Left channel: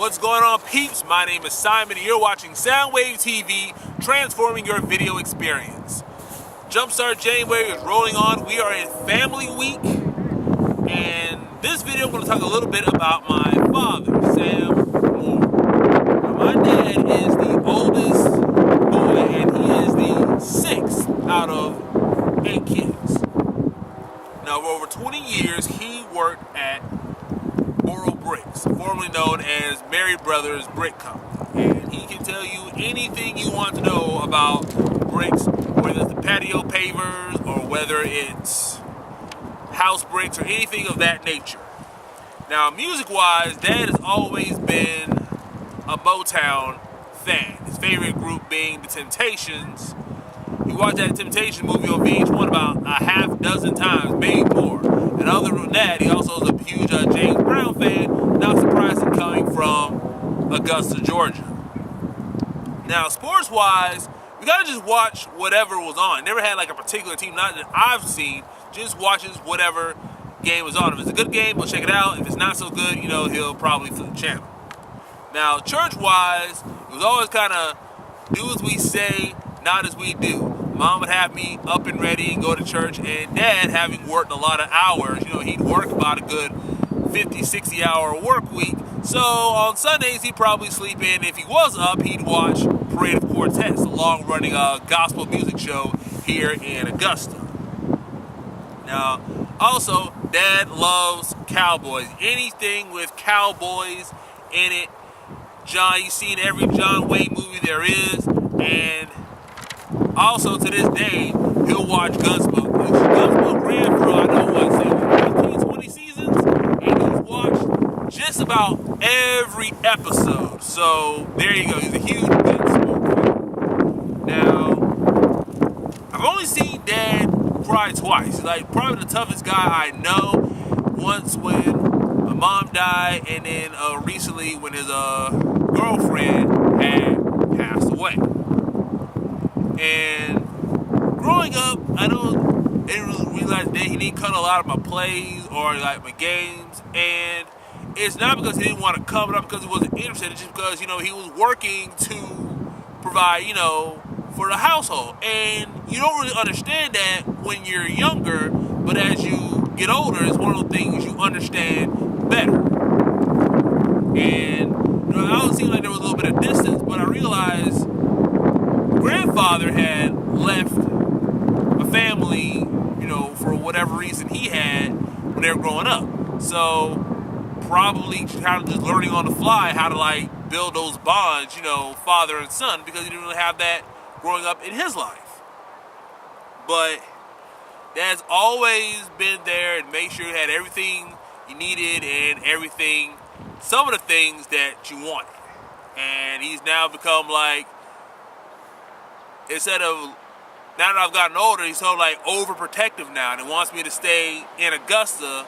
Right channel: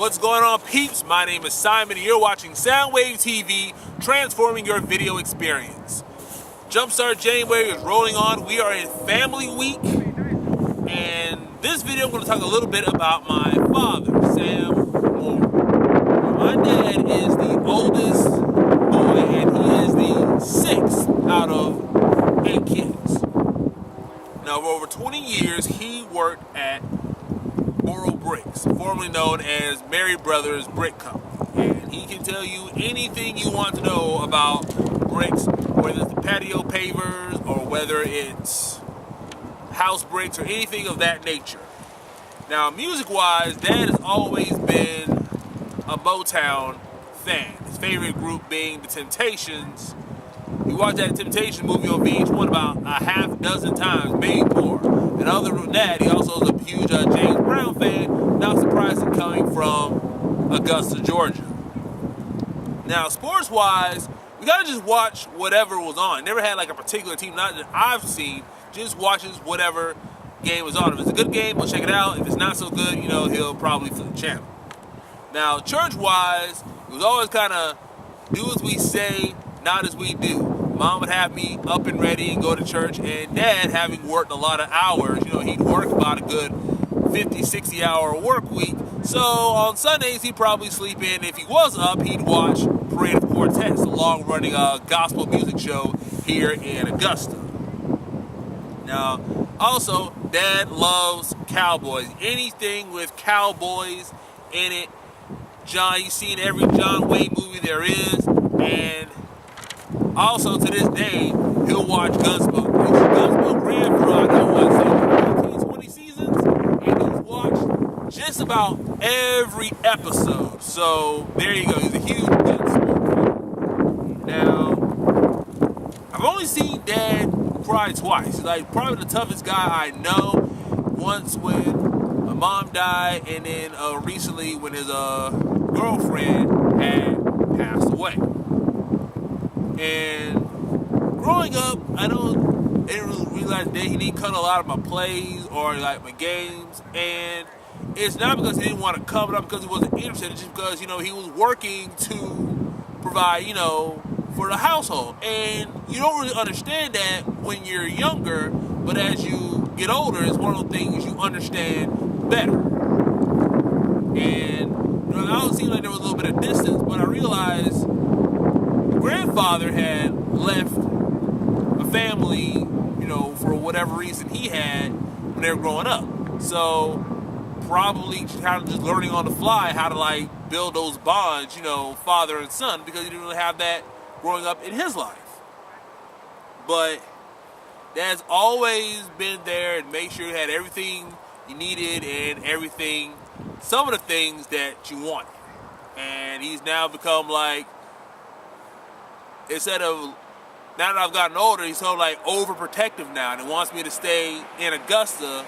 What's going on, peeps? My name is Simon and you're watching Soundwave TV, transforming your video experience. Jumpstart January is rolling on. We are in Family Week, and this video I'm going to talk a little bit about my father, Sam Moore. Now, my dad is the oldest boy, and he is the sixth out of 8 kids. Now, for over 20 years, he worked at Boro Bricks, formerly known as Mary Brothers Brick Company. And he can tell you anything you want to know about bricks, whether it's the patio pavers or whether it's house bricks or anything of that nature. Now, music-wise, Dad has always been a Motown fan. His favorite group being The Temptations. He watched that Temptations movie on VH1 about a half dozen times, maybe more. And other than that, he also is a huge James Brown fan, not surprising coming from Augusta, Georgia. Now, sports-wise, we gotta just watch whatever was on. Never had like a particular team, not that I've seen, just watches whatever game was on. If it's a good game, we'll check it out. If it's not so good, he'll probably flip the channel. Now, church-wise, it was always kind of do as we say, not as we do. Mom would have me up and ready and go to church, and Dad, having worked a lot of hours, he'd work about a good 50, 60 hour work week. So on Sundays, he'd probably sleep in. If he was up, he'd watch Parade of Quartets, a long-running gospel music show here in Augusta. Now, also, Dad loves cowboys. Anything with cowboys in it. You've seen every John Wayne movie there is, and also, to this day, he'll watch Gunsmoke. Gunsmoke ran for, 15, 20 seasons, and he's watched just about every episode. So, there you go. He's a huge Gunsmoke fan. Now, I've only seen Dad cry twice. He's like probably the toughest guy I know. Once when my mom died, and then recently when his girlfriend had passed away. And growing up, I didn't really realize that he didn't cut a lot of my plays or like my games. And it's not because he didn't want to cover it up because he wasn't interested. It's just because, he was working to provide, for the household. And you don't really understand that when you're younger, but as you get older, it's one of the things you understand better. And, I always seemed like there was a little bit of distance, but I realized grandfather had left a family, for whatever reason he had when they were growing up. So probably kind of just learning on the fly how to build those bonds, father and son, because he didn't really have that growing up in his life. But Dad's always been there and made sure you had everything you needed and everything, some of the things that you wanted. And he's now become instead of, now that I've gotten older, he's sort of overprotective now, and he wants me to stay in Augusta.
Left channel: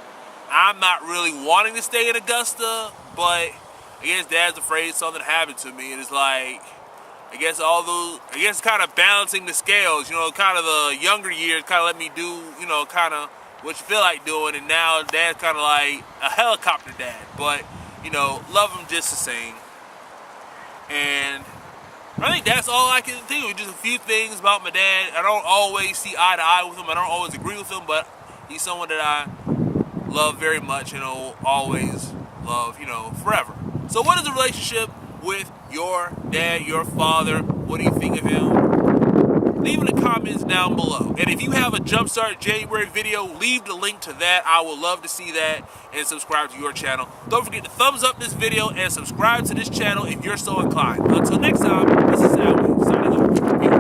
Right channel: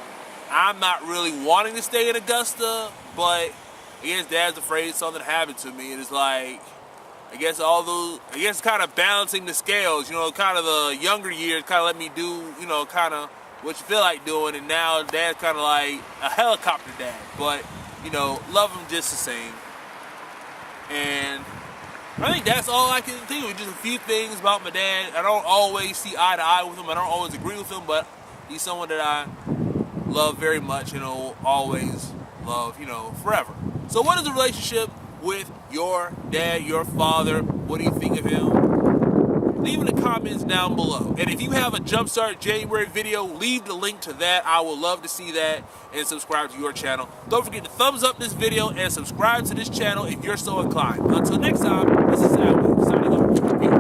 I'm not really wanting to stay in Augusta, but I guess Dad's afraid something happened to me, and it's I guess kind of balancing the scales, kind of the younger years kind of let me do, kind of what you feel like doing, and now Dad's kind of like a helicopter dad, but, love him just the same. And I think that's all I can think of. Just a few things about my dad. I don't always see eye to eye with him. I don't always agree with him, but he's someone that I love very much and will always love, forever. So what is the relationship with your dad, your father? What do you think of him? Leave in the comments down below. And if you have a Jumpstart January video, leave the link to that. I would love to see that, and subscribe to your channel. Don't forget to thumbs up this video and subscribe to this channel if you're so inclined. Until next time, this is Soundwave signing off. Peace.